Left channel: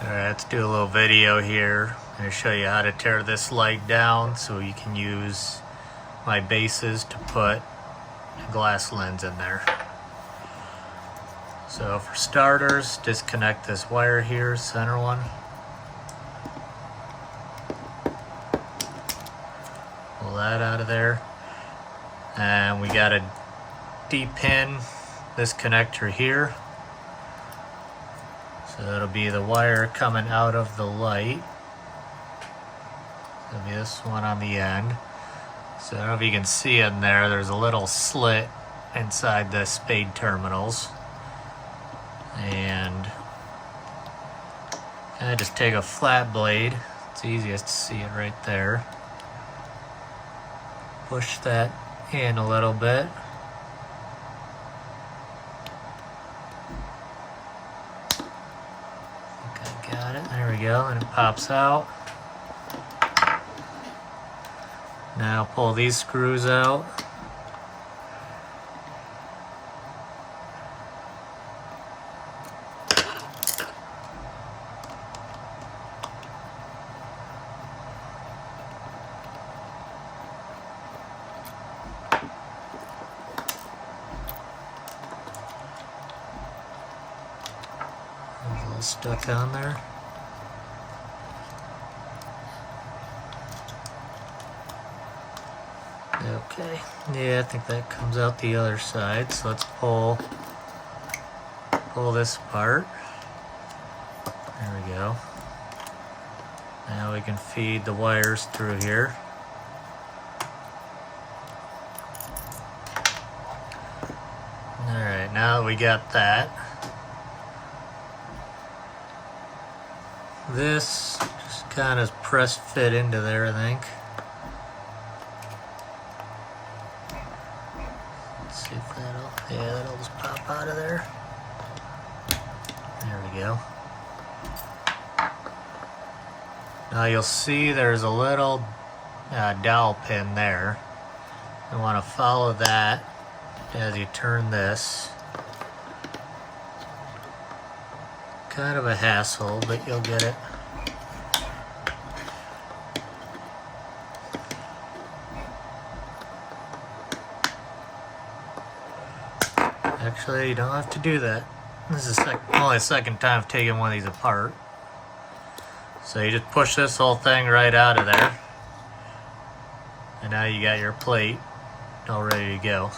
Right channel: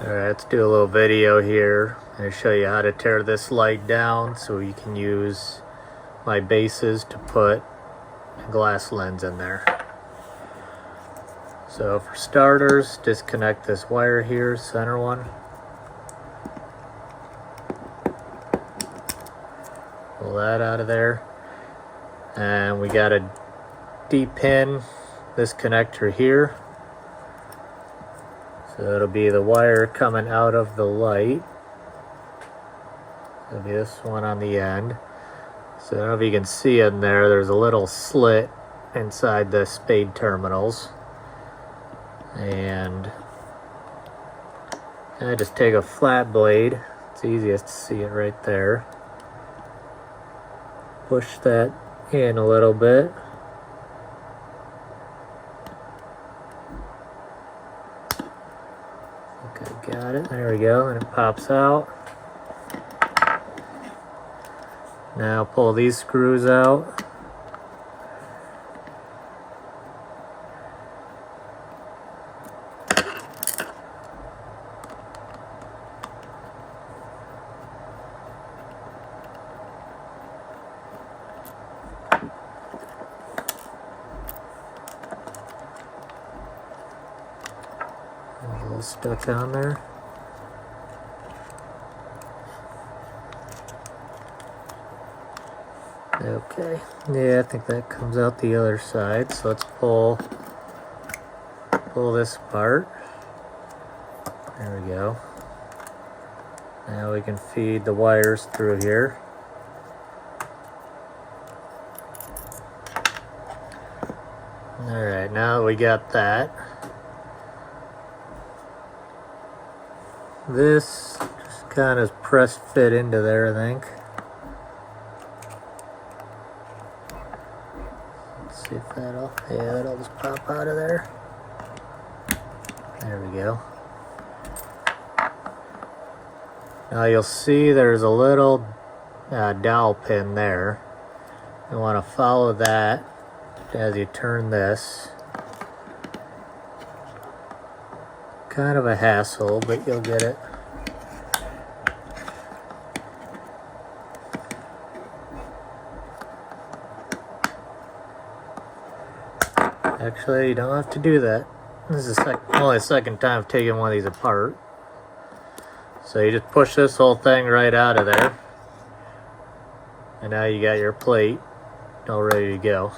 Alright, let's do a little video here. I'm going to show you how to tear this light down so you can use my bases to put a glass lens in there. So for starters, disconnect this wire here, center one. Pull that out of there. And we got to de-pin this connector here. So it'll be the wire coming out of the light. It'll be this one on the end. So I don't know if you can see in there, there's a little slit inside the spade terminals. And I just take a flat blade. It's easiest to see it right there. Push that in a little bit. I got it. There we go. And it pops out. Now pull these screws out. There's a little stuck on there. Okay, yeah, I think that comes out the other side. So let's pull this apart. There we go. Now we can feed the wires through here. Alright, now that we got that, this just kind of press fit into there, I think. See if that'll just pop out of there. There we go. Now you'll see there's a little dowel pin there. You want to follow that as you turn this. Kind of a hassle, but you'll get it. Actually, you don't have to do that. This is only the second time I've taken one of these apart. So you just push this whole thing right out of there. And now you got your plate all ready to go.